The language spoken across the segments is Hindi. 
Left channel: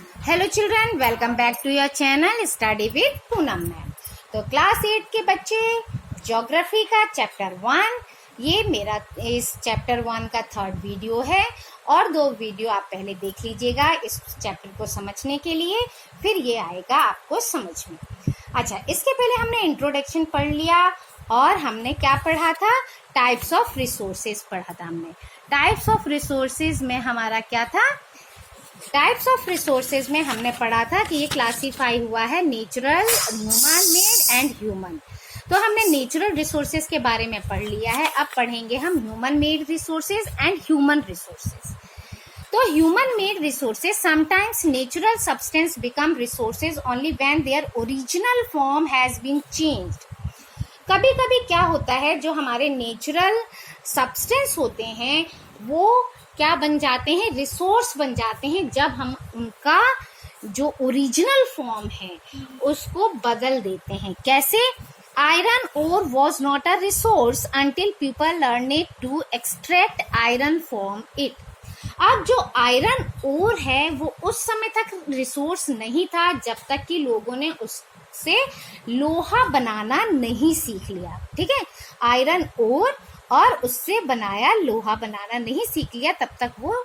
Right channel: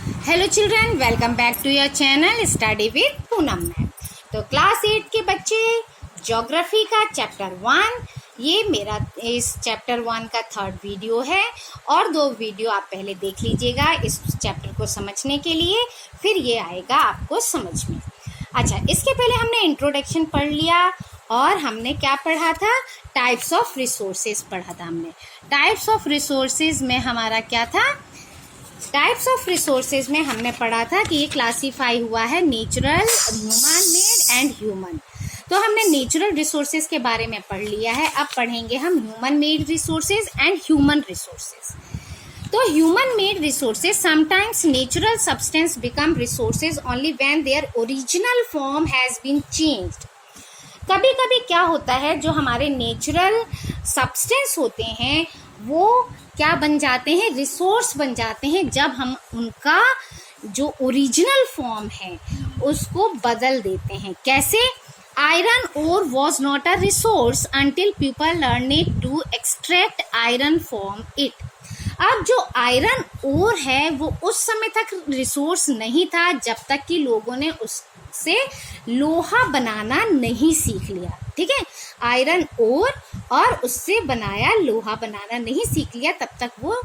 Hello children, welcome back to your channel study with Poonam ma'am. तो क्लास 8 के बच्चे ज्योग्राफी का चैप्टर 1, ये मेरा इस चैप्टर 1 का 3rd वीडियो है और 2 वीडियो आप पहले देख लीजिएगा इस चैप्टर को समझने के लिए, फिर ये आएगा आपको समझ में। अच्छा, इसके पहले हमने इंट्रोडक्शन पढ़ लिया और हमने क्या पढ़ा था, टाइप्स ऑफ रिसोर्सेज पढ़ा था हमने। टाइप्स ऑफ रिसोर्सेज में हमारा क्या था, टाइप्स ऑफ रिसोर्सेज में हमने पढ़ा था कि ये क्लासीफाई हुआ है natural, human made and human. तो हमने नेचुरल रिसोर्सेज के बारे में पढ़ लिया है, अब पढ़ेंगे हम human made resources and human resources. तो human made resources, sometimes natural substance become resources only when their original form has been changed. कभी कभी क्या होता है, जो हमारे नेचुरल सब्सटेंस होते हैं वो क्या बन जाते हैं, रिसोर्स बन जाते हैं, जब हम उनका जो ओरिजिनल फॉर्म है उसको बदल देते हैं। कैसे? Iron ore was not a resource until people learn to extract iron from it. अब जो आयरन ओर है वो उस समय तक रिसोर्स नहीं था जब तक कि लोगों ने उससे लोहा बनाना नहीं सीख लिया। ठीक है, आयरन ओर और उससे बनाया लोहा बनाना नहीं सीख लिया, तब तक वो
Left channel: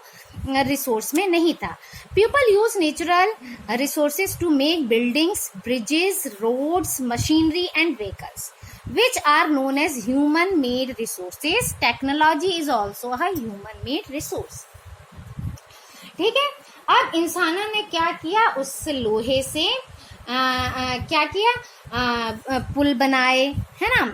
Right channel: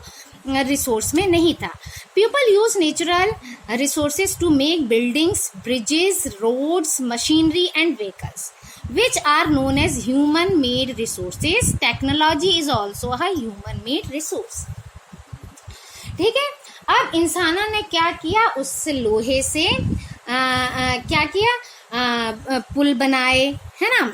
रिसोर्स में नहीं था। People use natural resources to make buildings, bridges, roads, machinery and vehicles which are known as human made resources. Technology is also a human made resource. ठीक है, अब इंसानों ने क्या किया, उससे लोहे से क्या किया, पुल बनाए, है ना,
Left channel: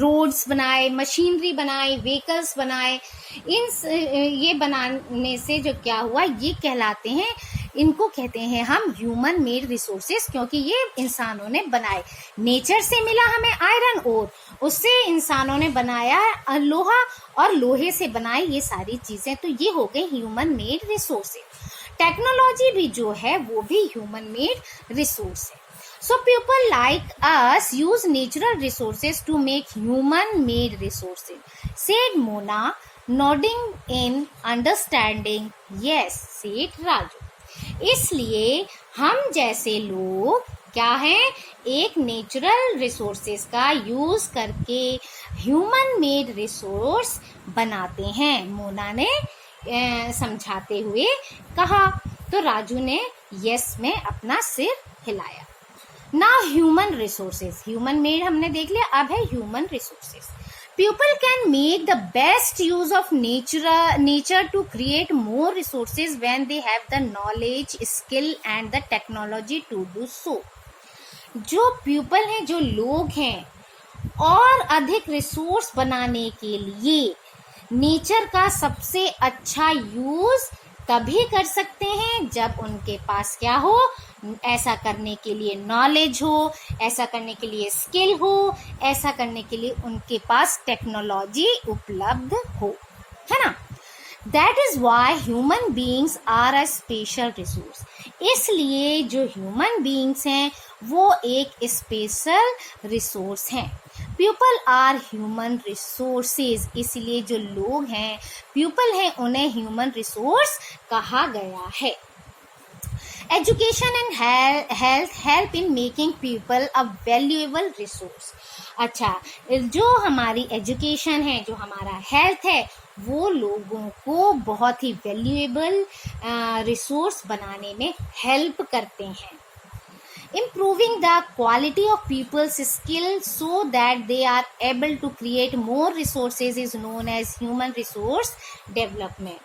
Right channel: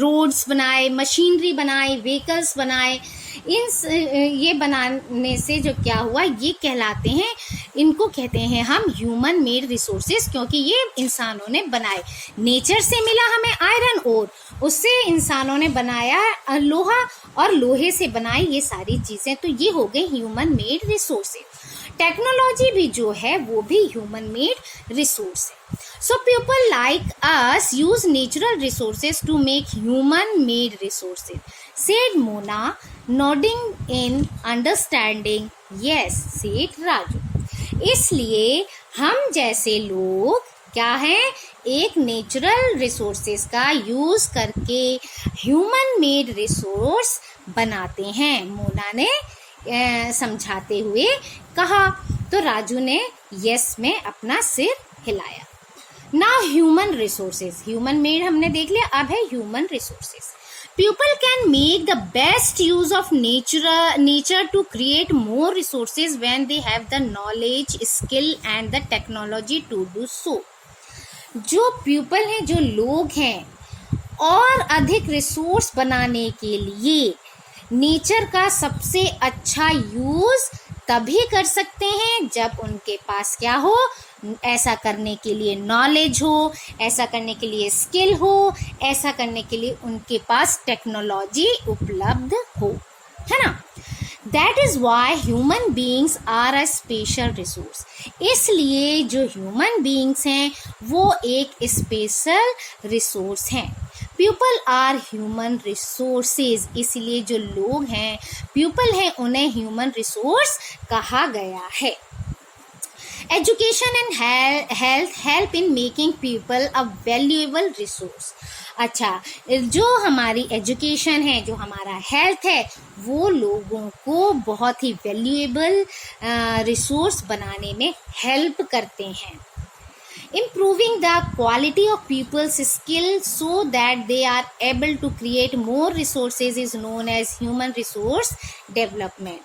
रोड्स बनाए, मशीनरी बनाए, व्हीकल्स बनाए। ये बनाने से जो क्या हुआ, ये कहलाते हैं, इनको कहते हैं हम ह्यूमन मेड रिसोर्सेज, क्योंकि ये इंसानों ने बनाए। नेचर से मिला हमें आयरन ओर, उससे इंसानों ने बनाया लोहा और लोहे से बनाई ये सारी चीजें, तो ये हो गए ह्यूमन मेड रिसोर्सेज। टेक्नोलॉजी भी जो है वो भी ह्यूमन मेड रिसोर्स है। So people like us use natural resources to make human made resources, said Mona, nodding in understanding. Yes, said Raju. इसलिए हम जैसे लोग क्या हैं, एक नेचुरल रिसोर्सेज का यूज करके ह्यूमन मेड रिसोर्स बनाते हैं, मोना ने समझाते हुए कहा। तो राजू ने यस में अपना सिर हिलाया। Now human resources, human made हमने देख लिया, अब है human resources. People can make the best use of nature to create more resources when they have the knowledge, skill and the technology to do so. जो पीपल हैं, जो लोग हैं, और अधिक रिसोर्स बनाने के लिए नेचर का सबसे अच्छा यूज तभी कर सकते हैं जब उनके पास क्या हो, ऐसा करने के लिए नॉलेज हो, ऐसा करने के लिए स्किल हो, ऐसा करने के लिए उनके पास टेक्नोलॉजी उपलब्ध हो, है ना। That is why human beings are a special resource. इसलिए जो ह्यूमन बींग्स हैं वो एक स्पेशल रिसोर्स हैं। पीपल आर ह्यूमन रिसोर्सेज, इसलिए जो लोग हैं, पीपल हैं, उन्हें ह्यूमन रिसोर्स कहा गया है। Education and health help in making people a valuable resource. अच्छा, जो हमारी एजुकेशन है, जो हमारा हेल्थ है, वो लोगों को बहुत ही वैल्यूएबल रिसोर्स बनाने में हेल्प करते हैं। Improving the quality of people's skills so that they are able to create more resources is known as human resource development.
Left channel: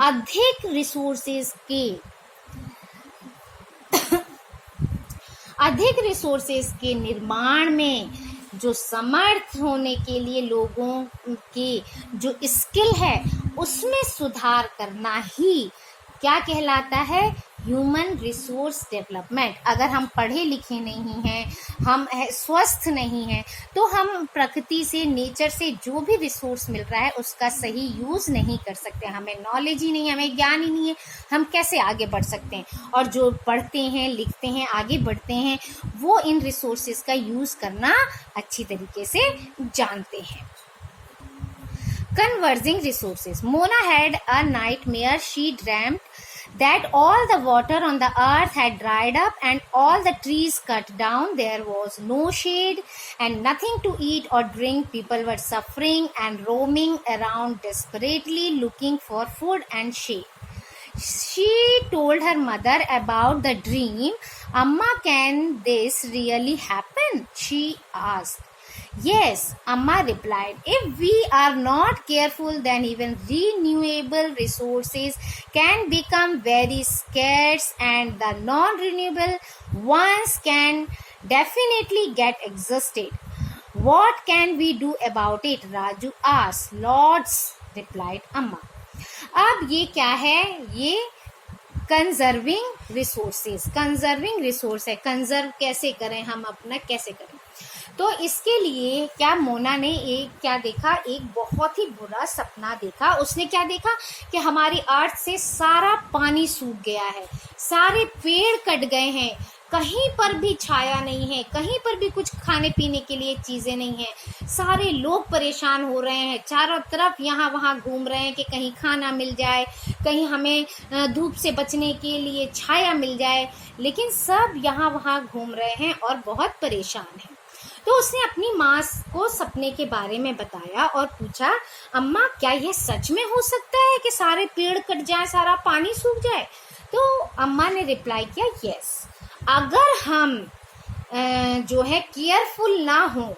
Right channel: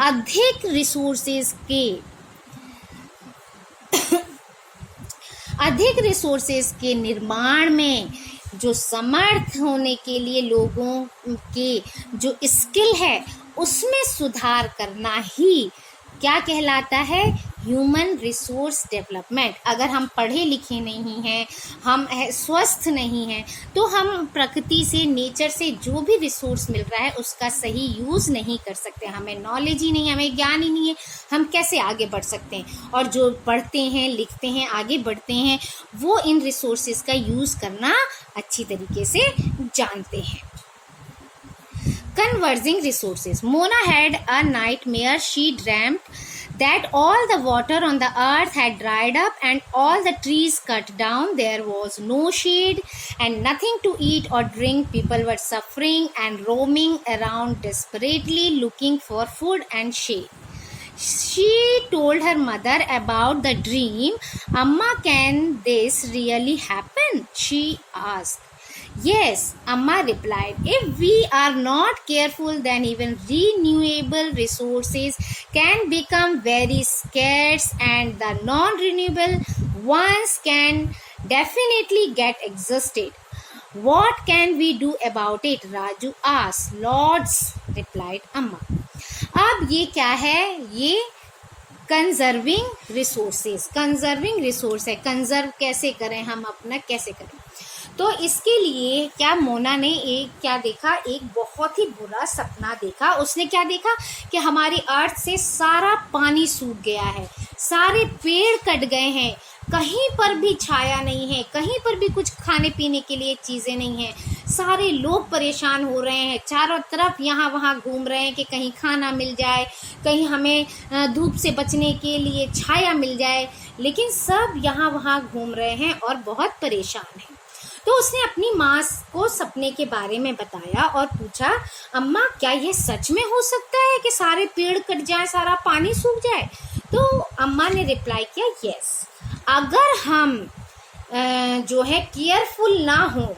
अधिक रिसोर्सेज के निर्माण में जो समर्थ होने के लिए लोगों के जो स्किल है उसमें सुधार करना ही क्या कहलाता है, ह्यूमन रिसोर्स डेवलपमेंट। अगर हम पढ़े लिखे नहीं हैं, हम स्वस्थ नहीं हैं, तो हम प्रकृति से, नेचर से जो भी रिसोर्स मिल रहा है उसका सही यूज़ नहीं कर सकते। हमें नॉलेज ही नहीं, हमें ज्ञान ही नहीं है, हम कैसे आगे बढ़ सकते हैं। और जो पढ़ते हैं, लिखते हैं, आगे बढ़ते हैं, वो इन रिसोर्सेज का यूज़ करना अच्छी तरीके से जानते हैं। Converging resources. Mona had a nightmare. She dreamt that all the water on the earth had dried up and all the trees cut down. There was no shade and nothing to eat or drink. People were suffering and roaming around desperately looking for food and shade. She told her mother about the dream. Amma, can this really happen? She asked. Yes, Amma replied. If we are not careful, then even renewable resources can become very scarce and the non-renewable ones can definitely get exhausted. What can we do about it? Raju asked. Lots, replied Amma. अब ये क्या है? ये कंजर्विंग रिसोर्सेज है. कंजर्व कैसे करें हम अपना, कैसे करें? तो इसके लिए क्या मोना ने क्या देखा? एक बहुत ही बुरा सपना देखा. उसने क्या देखा कि हमारी अर्थ से सारा पानी सूख गया है, सारे पेड़ कट गए हैं, कहीं पर भी छाया नहीं है, कहीं पर भी कुछ खाने पीने के लिए चीज़ें नहीं हैं, सारे लोग परेशान हो रहे हैं, चारों तरफ यहाँ वहाँ घूम रहे हैं कि कहीं खाना मिल जाए, कहीं हमें धूप से बचने के लिए छाया मिल जाए, लेकिन सब यहाँ वहाँ घूम रहे हैं और बहुत परेशान हैं. तो उसने अपनी माँ को सपने के बारे में बताया और पूछा, अम्मा क्या यह सच में हो सकता है कि सारे पेड़ कट जाए, सारा पानी सूख जाए? तो अम्मा ने रिप्लाई किया, यस, अगर हम जो है केयरफुल ना हो,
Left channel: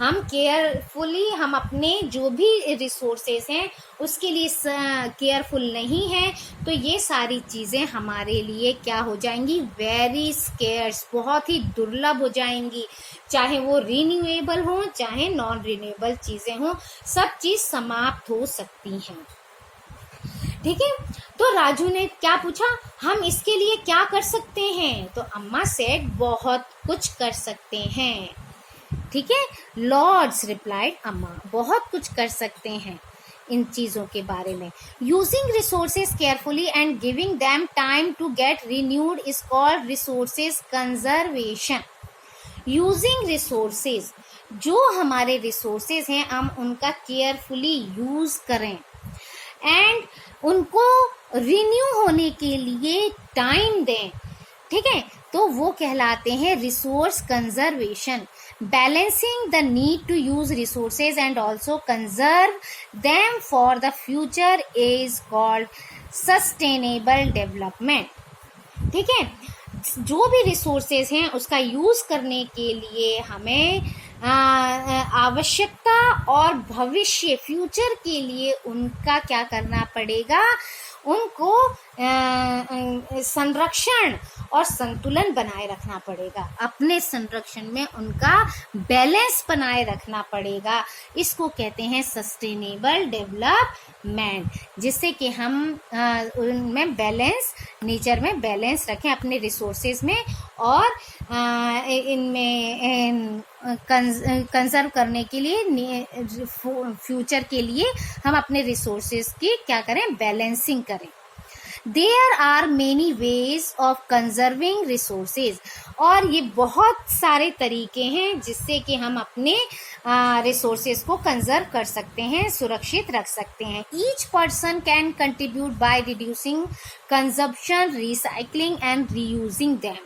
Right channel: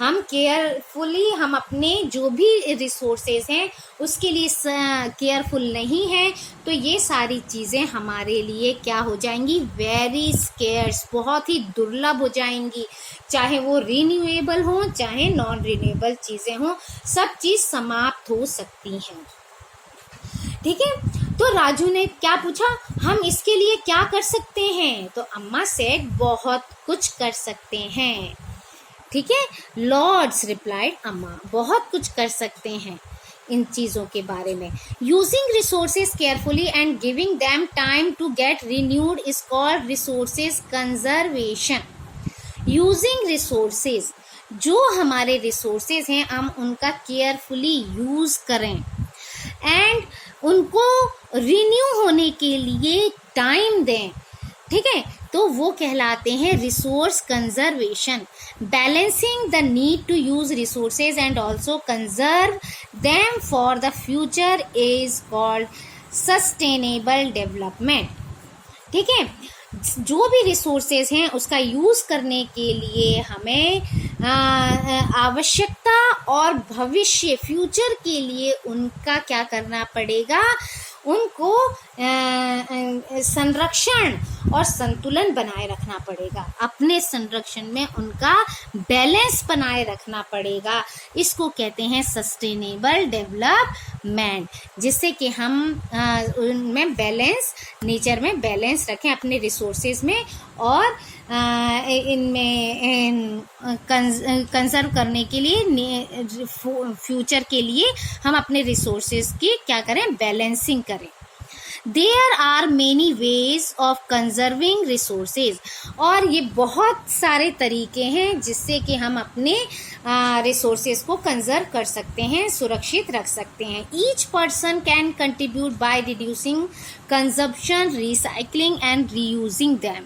हम अपने जो भी रिसोर्सेज हैं उसके लिए केयरफुल नहीं हैं, तो ये सारी चीज़ें हमारे लिए क्या हो जाएंगी? वेरी स्केर्स, बहुत ही दुर्लभ हो जाएंगी. चाहे वो रिन्यूएबल हो, चाहे नॉन रिन्यूएबल चीज़ें हों, सब चीज़ समाप्त हो सकती हैं. ठीक है. तो राजू ने क्या पूछा, हम इसके लिए क्या कर सकते हैं? तो अम्मा सेड, बहुत कुछ कर सकते हैं. ठीक है. लॉर्ड्स, रिप्लाइड अम्मा, बहुत कुछ कर सकते हैं इन चीज़ों के बारे में. Using resources carefully and giving them time to get renewed is called resources conservation. Using resources, जो हमारे रिसोर्सेज हैं हम उनका केयरफुली यूज़ करें एंड उनको रिन्यू होने के लिए टाइम दें. ठीक है. तो वो कहलाते हैं resource conservation. Balancing the need to use resources and also conserve them for the future is called sustainable development. ठीक है. जो भी रिसोर्सेज हैं उसका यूज़ करने के लिए हमें आवश्यकता और भविष्य फ्यूचर के लिए उनका क्या करना पड़ेगा? उनको संरक्षण और संतुलन बनाए रखना पड़ेगा. अपने संरक्षण में उनका बैलेंस बनाए रखना पड़ेगा. इसको कहते हैं सस्टेनेबल डेवलपमेंट, जिससे कि हम उनमें बैलेंस, नेचर में बैलेंस रखें अपने रिसोर्सेज में और इनमें कंजर्व करने के लिए फ्यूचर के लिए हम अपने रिसोर्सेज की क्या करें? बैलेंसिंग करें. There are many ways of conserving resources. और ये बहुत सारे तरीके हैं जिससे कि हम अपने रिसोर्सेज को कंजर्व कर सकते हैं, सुरक्षित रख सकते हैं. Each person can contribute by reducing consumption, recycling and reusing them.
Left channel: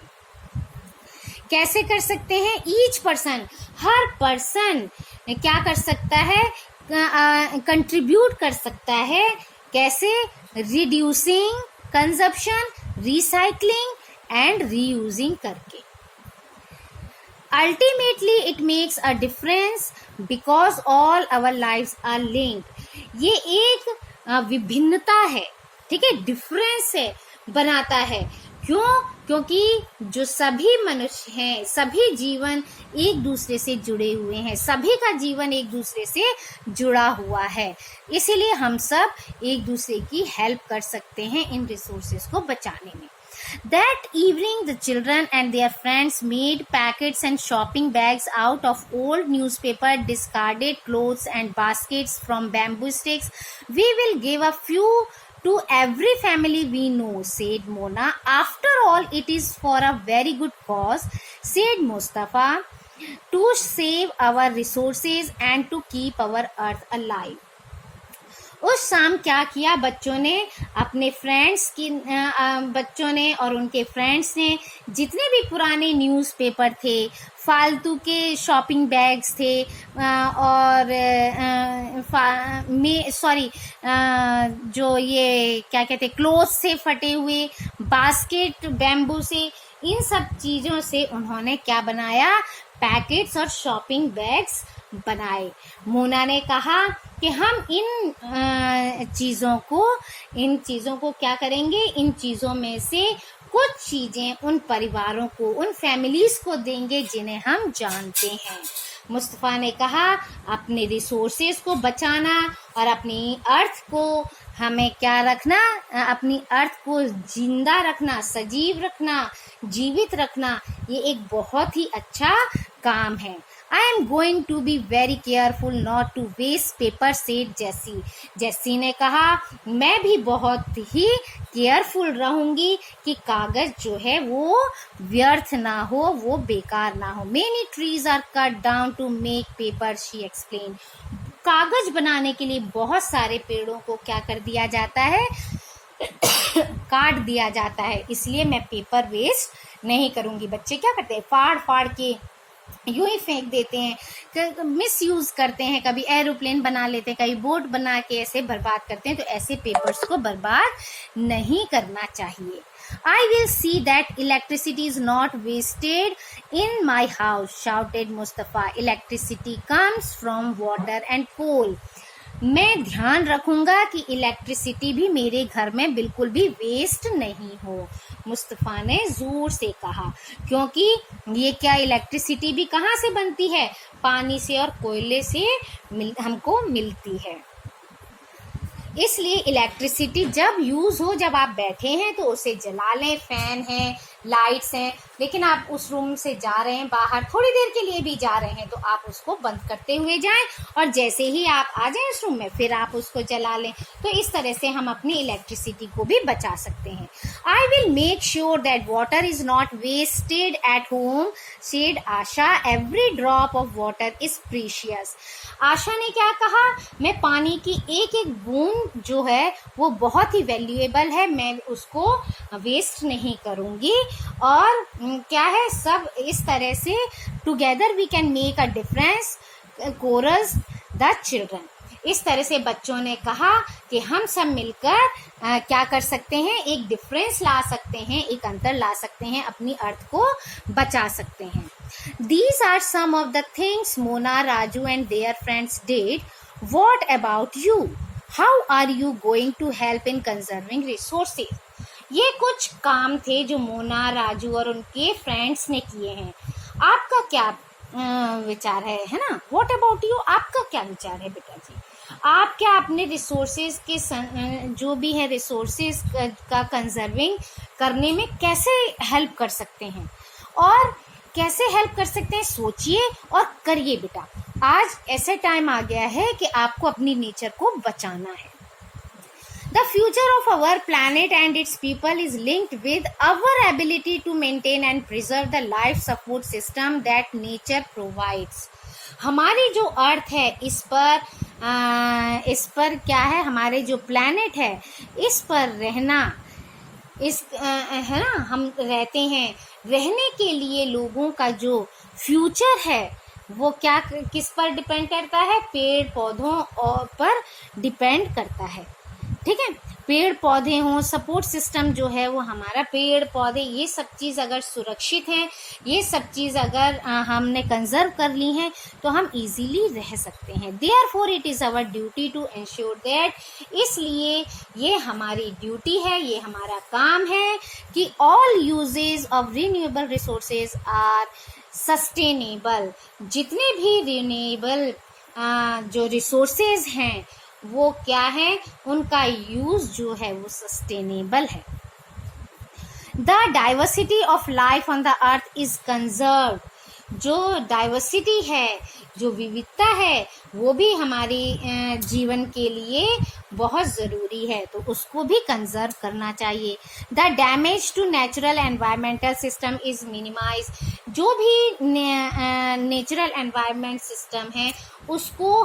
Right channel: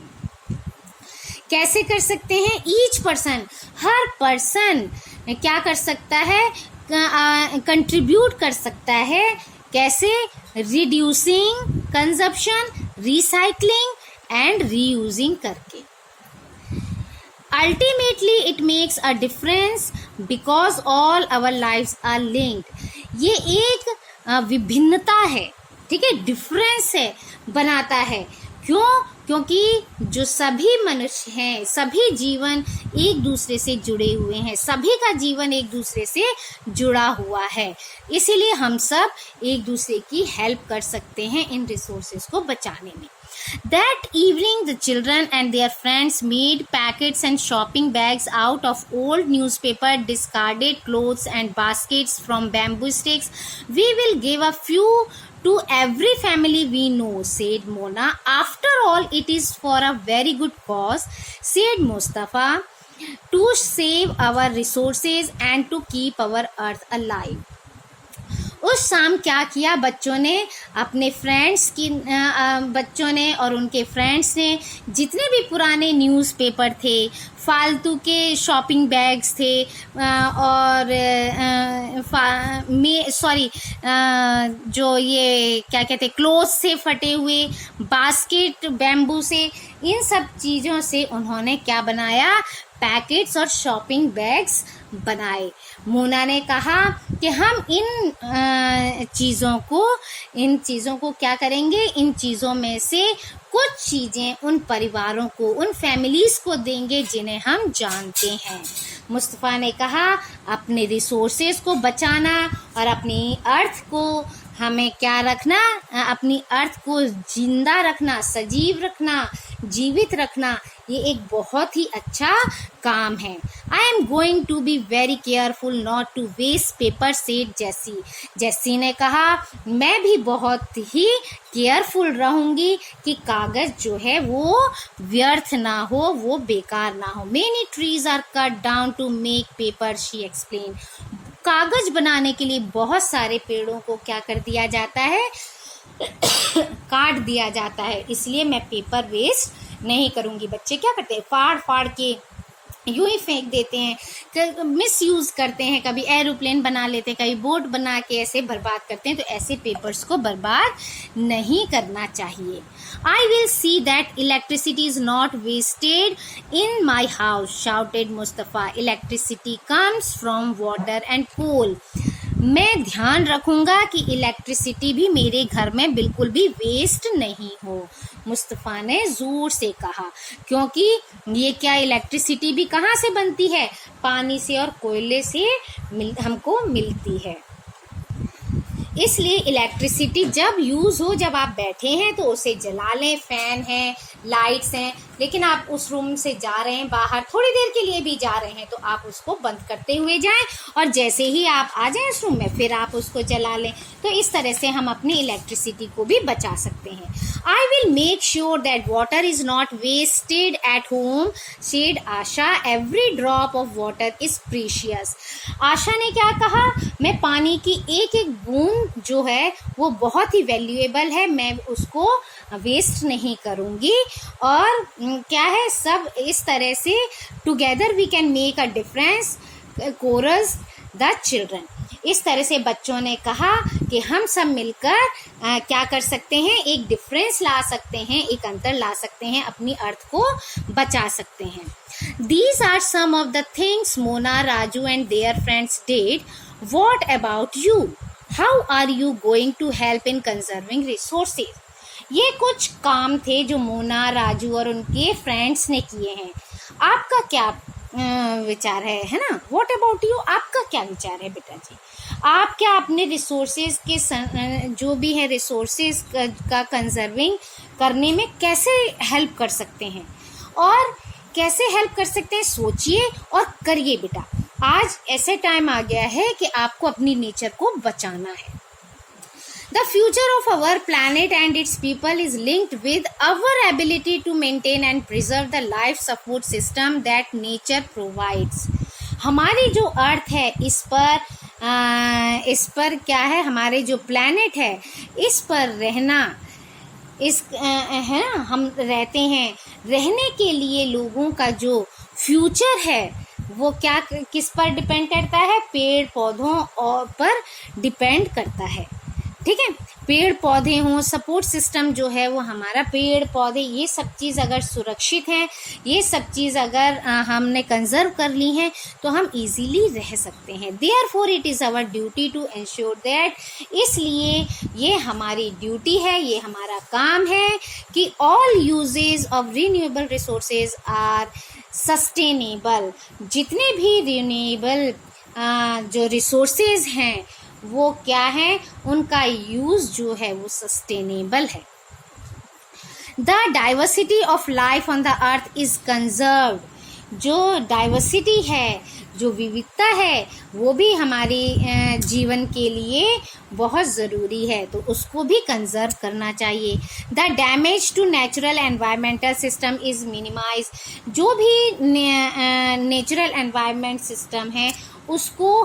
कैसे कर सकते हैं? ईच पर्सन, हर पर्सन क्या कर सकता है? कंट्रीब्यूट कर सकता है. कैसे? Reducing consumption, recycling and reusing करके. Ultimately it makes a difference because all our lives are linked. ये एक विभिन्नता है. ठीक है. डिफरेंस है, बनाता है. क्यों? क्योंकि जो सभी मनुष्य हैं, सभी जीवन एक दूसरे से जुड़े हुए हैं, सभी का जीवन एक दूसरे से जुड़ा हुआ है. इसीलिए हम सब एक दूसरे की हेल्प कर सकते हैं इन रिसोर्सेज को बचाने में. That evening the children and their friends made packets and shopping bags out of old newspaper, discarded clothes and baskets from bamboo sticks. We will give a few to every family we know, said Mona. After all, it is for a very good cause, said Mustafa, to save our resources and to keep our earth alive. उस शाम क्या किया बच्चों ने, अपने बच्चों ने और उनके फ्रेंड्स ने जितने भी पुराने न्यूज़पेपर थे, फालतू के शॉपिंग बैग्स थे और जो ये क्या कहते क्लोथ्स से फटे हुए, बास्केट बैम्बू से, इन सब चीज़ों से उन्होंने क्या बनाया, पैकेट्स और शॉपिंग बैग्स बनाए। मोना ने कहा कि हम इन चीज़ों को क्या करेंगे, इन चीज़ों में से कुछ चीज़ें उन परिवारों को, उन फैमिलीज़ को देंगे जिन्हें हम जानते हैं। मुस्तफ़ा ने कहा अपने रिसोर्सेज को बचाना और अपनी अर्थ को हमें क्या रखना, अपनी अर्थ को जिंदा रखना, सजीव रखना, जीवित रखना, ये एक बहुत ही अच्छा काम है। I am going to be very careful not to waste paper, said Jessie. Jessie ने कहा मैं भी बहुत ही केयरफुल रहूंगी कि कागज जो है वो व्यर्थ ना हो, वो बेकार ना हो। Many trees are cut down to make paper, she explain. कागज बनाने के लिए बहुत सारे पेड़ों को क्या कर दिया जाता है, काट दिया जाता है, इसलिए मैं पेपर वेस्ट नहीं करूंगी। बच्चे क्या करते हैं, फाड़ फाड़ के यूं ही फेंक देते हैं, मिस यूज़ करते हैं, कभी एरोप्लेन बना लेते हैं, कभी बोट बना के ऐसे बर्बाद करते हैं। तो ऐसे पेपर्स को बर्बाद नहीं करना चाहिए। I will see that electricity is not wasted in my house, shouted Mustafa. Electricity comes from water and coal. मैं ध्यान रखूंगा कि इलेक्ट्रिसिटी भी मेरे घर में बिल्कुल भी वेस्ट नहीं हो, मुस्तफ़ा ने ज़ोर से कहा, क्योंकि ये क्या इलेक्ट्रिसिटी भी कहाँ से बनती है, पानी से और कोयले से हमको मिलती है। इसलिए इलेक्ट्रिसिटी जब यूज़ हो, जब आप बैठे हैं तो उसे जला लें। फ़ैन है, लाइट्स हैं, लेकिन आप उस रूम से जा रहे हैं बाहर, थोड़ी देर के लिए भी जा रहे हैं, तो आप उसको बंद करते हुए जाएं और जैसे ही आप आ जाएं उस रूम में फिर आप उसको जला लें। तो इस तरह से हम अपनी इलेक्ट्रिसिटी को भी बचा सकते हैं। I will make sure that water is not wasted at home, said Asha. Every drop of water is precious. Asha ने क्या कहा, मैं पानी की एक एक बूंद जो है वो बहुत ही वैल्यूएबल है, मैं उसको वेस्ट नहीं करूँगी। और क्या है, सब इस तरह से together we can make a difference, chorus the children. इस तरह से बच्चों ने कहा कि हम सब मिलकर क्या कर सकते हैं, एक डिफरेंस ला सकते हैं, एक अंतर ला सकते हैं, अपनी अर्थ को बचा सकते हैं। These are some of the things Mona, Raju and their friends did. What about you? How are you going to help in conserving resources? ये कुछ काम थे जो मोना, राजू और उनके फ्रेंड्स ने किए हैं। आपका क्या विचार है ना? What about you? आपका क्या विचार है बेटा जी? आप क्या अपने रिसोर्सेज के जो भी है रिसोर्सेज का कंजर्विंग करने में कैसे हेल्प कर सकते हैं, और कैसे हेल्प कर सकते हैं, सोचिए और करिए बेटा। आज ऐसे टाइम आ गया है कि आपको अपनी नेचर को बचाना है। The future of our planet and its people is linked with our ability to maintain and preserve the life support system that nature provides. हमारी जो अर्थ है, इस पर क्या है, हमारे जो प्लैनेट है, इस पर रहना, है ना, हम रहते हैं, रहने के लिए लोगों का जो फ्यूचर है वो क्या, किस पर डिपेंड करता है, पेड़ पौधों पर डिपेंड करता है। ठीक है, पेड़ पौधे हों, सपोर्ट सिस्टम जो है वो हमारा, पेड़ पौधे, ये सब चीज़ अगर सुरक्षित है, ये सब चीज़ अगर हमने कंजर्व कर ली हैं तो हम इजीली रह सकते हैं। Therefore it is our duty to ensure that, इसलिए ये हमारी ड्यूटी है, ये हमारा काम है कि all uses of renewable resources are sustainable. जितने भी रिन्यूएबल जो रिसोर्सेज हैं वो क्या है, उनका यूज़ जो है वो सस्टेनेबल है। The diversity of life on the earth is conserved. जो डाइवर्सिटी है, जो विविधता है, वो भी हमारे जीवन के लिए बहुत ज़रूरी है, तो उसको भी कंजर्व करना चाहिए। The damage to natural environmental system is minimize. जो भी नेचुरल एनवायरमेंट सिस्टम है उसको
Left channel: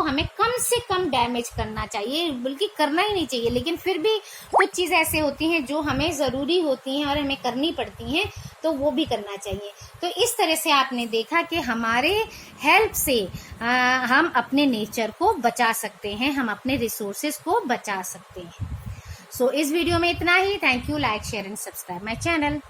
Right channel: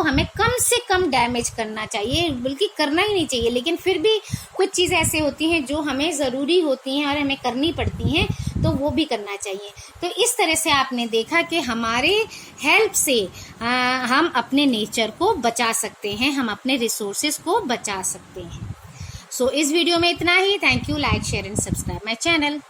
हमें कम से कम डैमेज करना चाहिए, बल्कि करना ही नहीं चाहिए, लेकिन फिर भी कुछ चीज़ ऐसे होती हैं जो हमें ज़रूरी होती हैं और हमें करनी पड़ती हैं, तो वो भी करना चाहिए। तो इस तरह से आपने देखा कि हमारे हेल्प से हम अपने नेचर को बचा सकते हैं, हम अपने रिसोर्सेज को बचा सकते हैं। सो इस वीडियो में इतना ही। Thank you. Like, share and subscribe my channel.